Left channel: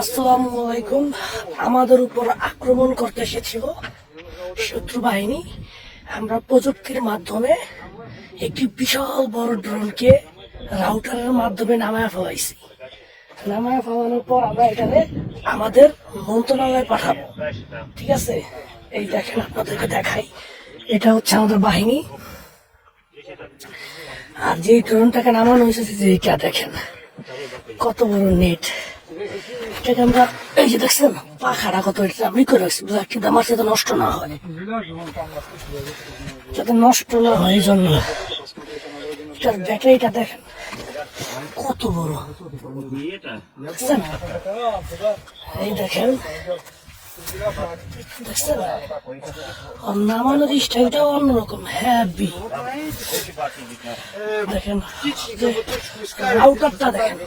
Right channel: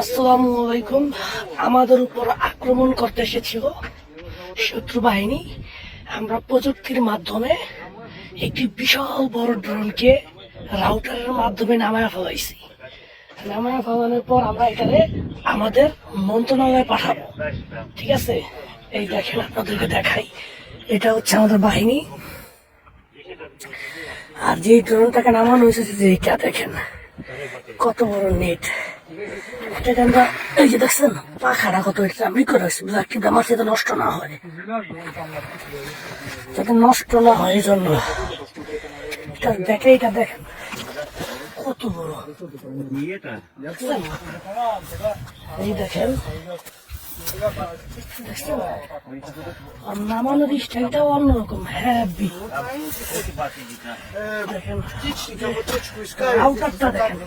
আসসালামু আলাইকুম। আমাদের উপর আক্রমণ করতে এসেছিল শত্রু বাহিনী। আমরা প্রযুক্তির মাধ্যমে একটি বিশাল বড় ড্রোনকে রাউটারের মাধ্যমে নামায় ফেলাইছি। নামায় ফেলানোর পর আমরা এখানে আমাদের মন্ত্রণালয়ে পাঠাবো। ঠিক আছে, এই দেখেন, আপনাদেরকে দেখাই। এটা হচ্ছে আমাদের বাহিনী। আর যে ড্রোনটাকে নামানো হয়েছে, যে এইটা দেখেন কত বড় নেট। আমরা এই যে দেখছেন পাখাটা কত, এটা আমি করে রাখছি কিন্তু আমার যাতে নষ্ট না হয়, যাতে নষ্ট না হয় এই জন্য। এটার ব্যাটারিটা দেখেন কত বড়, দেখছেন? এই দেখেন, দেখছেন নামানোর স্টাইলটাও অন্যরকম, হ্যাভি। দেখেন আউটারটা দেখেন,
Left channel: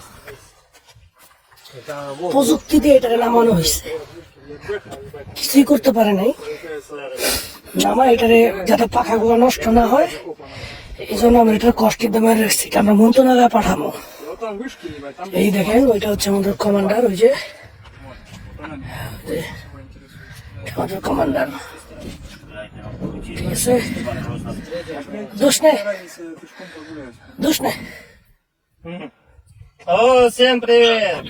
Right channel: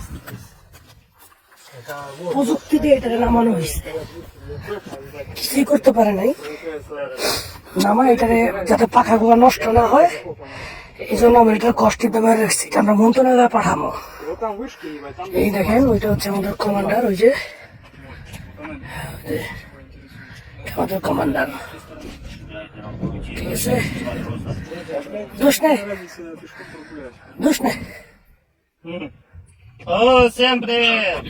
প্রযুক্তি দিয়ে এটা নামানো হয়েছে। কিছুই করতে পারে নাই নামা এটারে, যাতে পাখাগুলো নষ্ট না হয় এই জন্য আমরা এটা কষ্টের দামে রাখছি। আমরা মন্ত্রণালয়ে পাঠাবো। এই দেখেন, ওইটা হচ্ছে আমাদের কমান্ডার, ওই যে আমাদের কমান্ডার। ঠিক আছে, দোষ নেই, দোষ নেই। О, всем привет!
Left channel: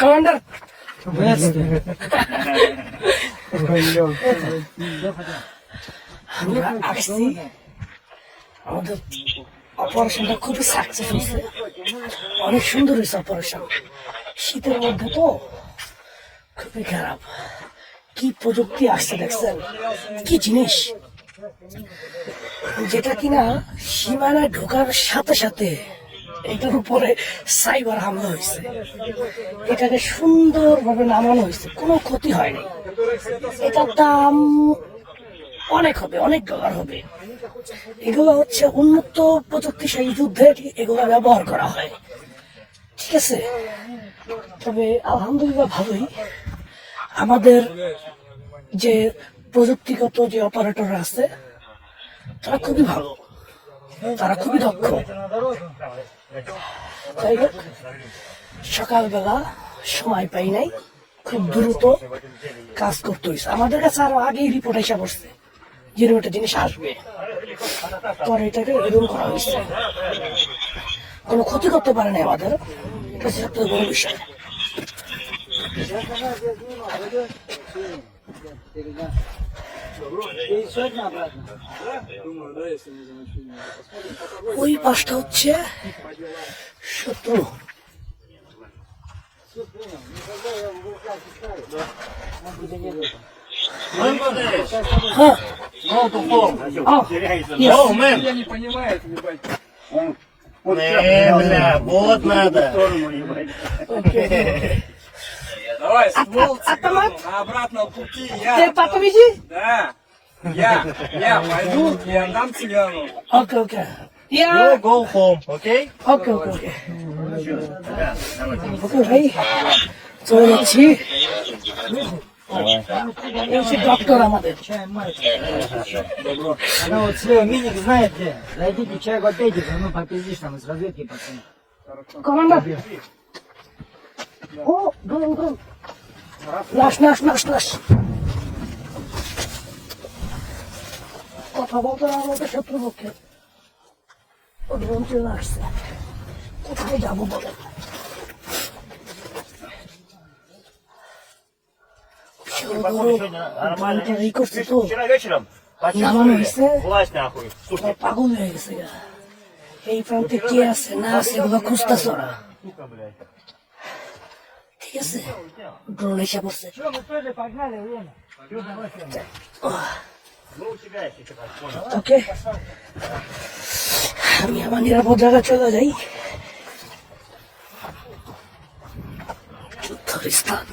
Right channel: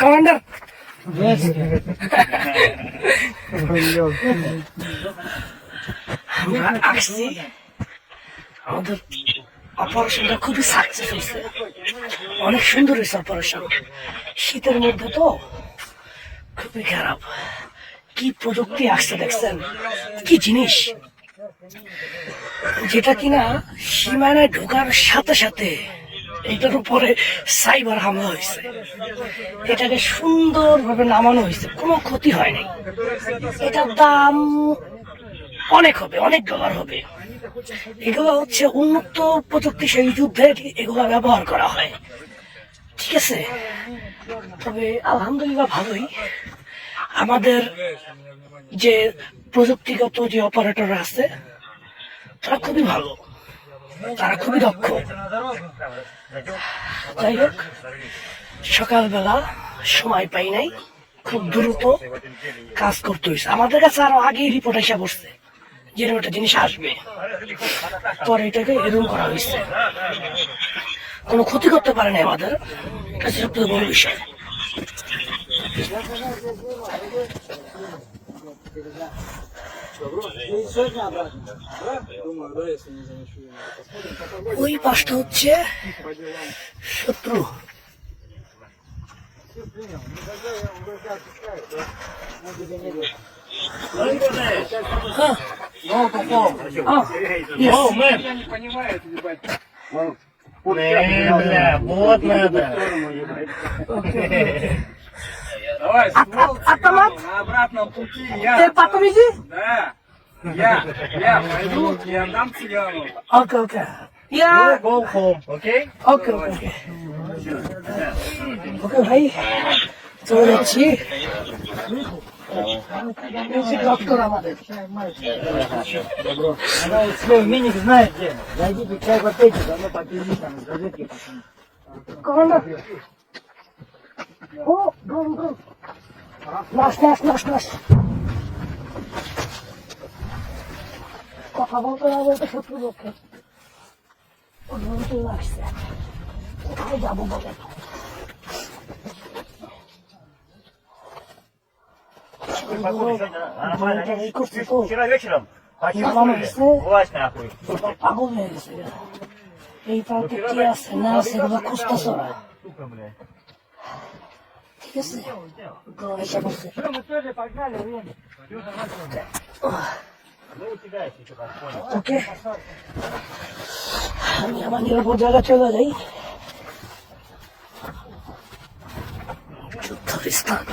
কমান্ডার, আমরা আসছি। আমাদের অপারেশনটা খুবই সাকসেস হয়েছে, অনেক সুন্দর হয়েছে অপারেশন। শীতের মধ্যে তো খুবই খারাপ। কি প্রযুক্তি আসছে দেখছেন, কি জিনিস, যেটা কিনা সীমানায় ঢোকার সাথে সাথে এটার উপরে সাইবার হামলা হয়েছে। এটাকে সুন্দরভাবে নামানো হয়েছে, কোনো ক্ষতি হয় নাই। এটার দাম অনেক হবে, অনেক ডলার হবে। এগুলো হচ্ছে উন্নত প্রযুক্তিশালী যুদ্ধে এগুলো ব্যবহার করা হয়। ঠিক আছে, তবে আলহামদুলিল্লাহ ভালোই। আমাদের যে প্রযুক্তিগত যে অপারেটর আছে তারা খুবই ভালো, তারা খুবই দক্ষ। যাই হোক, সকালবেলা সময় পাই নাই, খুব দ্রুত কাজ করতে হয়েছে। আমাদের কাছে আরো আগেই রিপোর্ট এসে পড়ছে যে একটা জিনিস আসবে, পরে এটাকে এরকম করা হয়েছে। কোনো ক্ষতি করতে পারে না আমাদের, এটা সবথেকে বড় বিষয়। ওই পাশটা হচ্ছে শত্রু। О, мэн! Бля, вот надо. Давай, ствол автомат на обратном пути я. потом иди. Да. Я пойду и отдам цыгану. Окей, окей. You go home, okay? ওকে ওকে ওকে ওকে ভাই, চলে যাচ্ছি। ডক্টর আমাদের Она вот свой миник знает где. Зайдите, чай попейте, да мы попились там с газетки, пацаны. কমান্ডার, ও ড্রোন ড্রোন, নাশ নাশ নাশ নাশ। কথা বলতে না বলতে শত্রু পক্ষে ও ড্রোন চলে আসছে। কোথায় যাবো বলেন? Походу, сегодня нормально. এই করছে তো, Вчера вечером নামানো হয়েছে, власть нахуй. পাগল হয়ে গেছে গা। এই প্রান্তে কে আছে না আছে ওগুলো খুঁজতেছে ওরা। ঠিক আছে, ড্রোন এসে পড়ছে। ওকে, আমি আমার নিরাপদ জায়গায় চলে যাই। যুদ্ধের স্থান।